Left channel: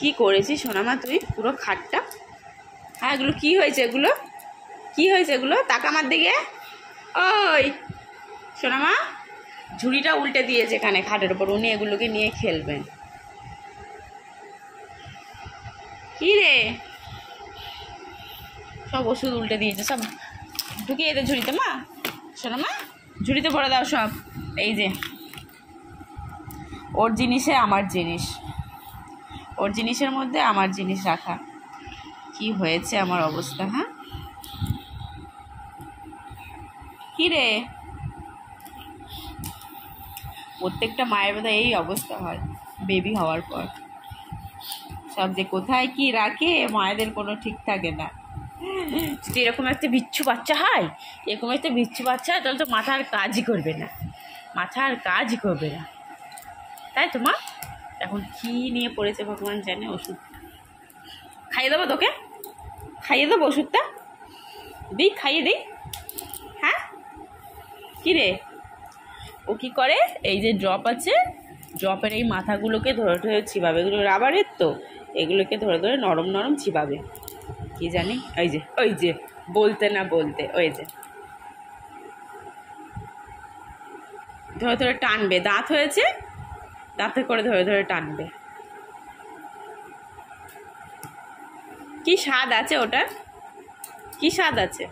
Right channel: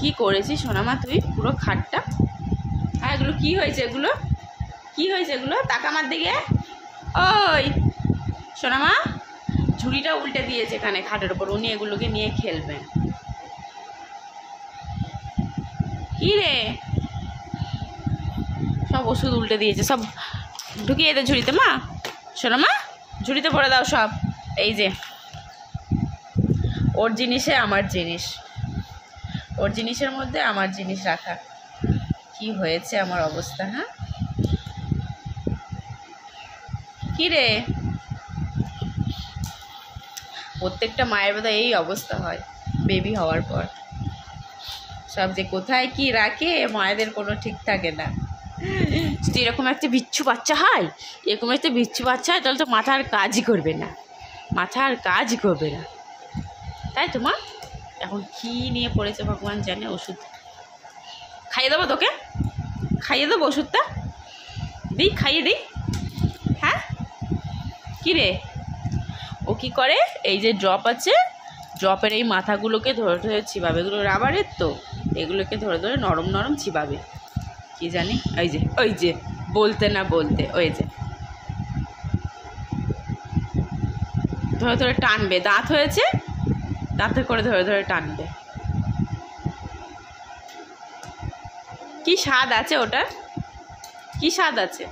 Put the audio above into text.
কি করেছিস সোনামা তুই পুরো খাটটা? হ্যাঁ, এগুলো কি হয়েছে? এগুলো কি হয়েছে? এগুলো তাকা আমার দিকে। ওই সোনামা, ঝুড়িটা উল্টে দিয়েছে এখানে খাটের ওপর, উনি এগুলোকে নিয়ে খেলবেন। কি রে, সব ওষুধ উল্টে দিয়েছে, সব ঢুকিয়ে দে ঝুড়িতে। মা সোনামা, ঝুড়িতে ভরে দাও সব। এই যে ওর জিনিসে আমার জিনিস, ওর জিনিসের মধ্যে আমার জিনিস রাখা। কি হয়েছে আমার অবস্থা? হ্যাঁ, কি রে, প্রত্যেকটা মায়ের বোধহয় এই অবস্থা হয় বেবি হওয়ার পর। সব যে কোথায় কি রাখে মায়েদের কোনো ঠিক থাকে না। যদি এরকম একটা বিচ্ছু বাচ্চা হয়, এরকম একটা বিচ্ছু বাচ্চা হয়, তাহলে তো মাথা আর কাজই করবে না, মাথা আর কাজই করবে না, তাই তো মা? এখন কি নিয়ে পড়েছে ভগবান জানে। ওষুধ খাইয়ে দেবো তোকে, খাইয়ে দেবো ওষুধটা, দিই খাইয়ে দিই। হ্যাঁ, কী রে, ও কী করে, এই যে ড্রপ আছে, ড্রপের এই মাথাগুলোকে ধরে ধরে চিবাবে, এগুলো রাবারের তো, এগুলোকে ধরে ধরে নরম নরম চিবাবে। কি জানি, ওই যে বলতে না বলতে, ওই যে ধরে ধরে টানবে, দাঁত হয়েছে, দাঁতে করে ধরে ধরে টানবে। কি স্বাদ আছে ওটার, কি স্বাদ আছে?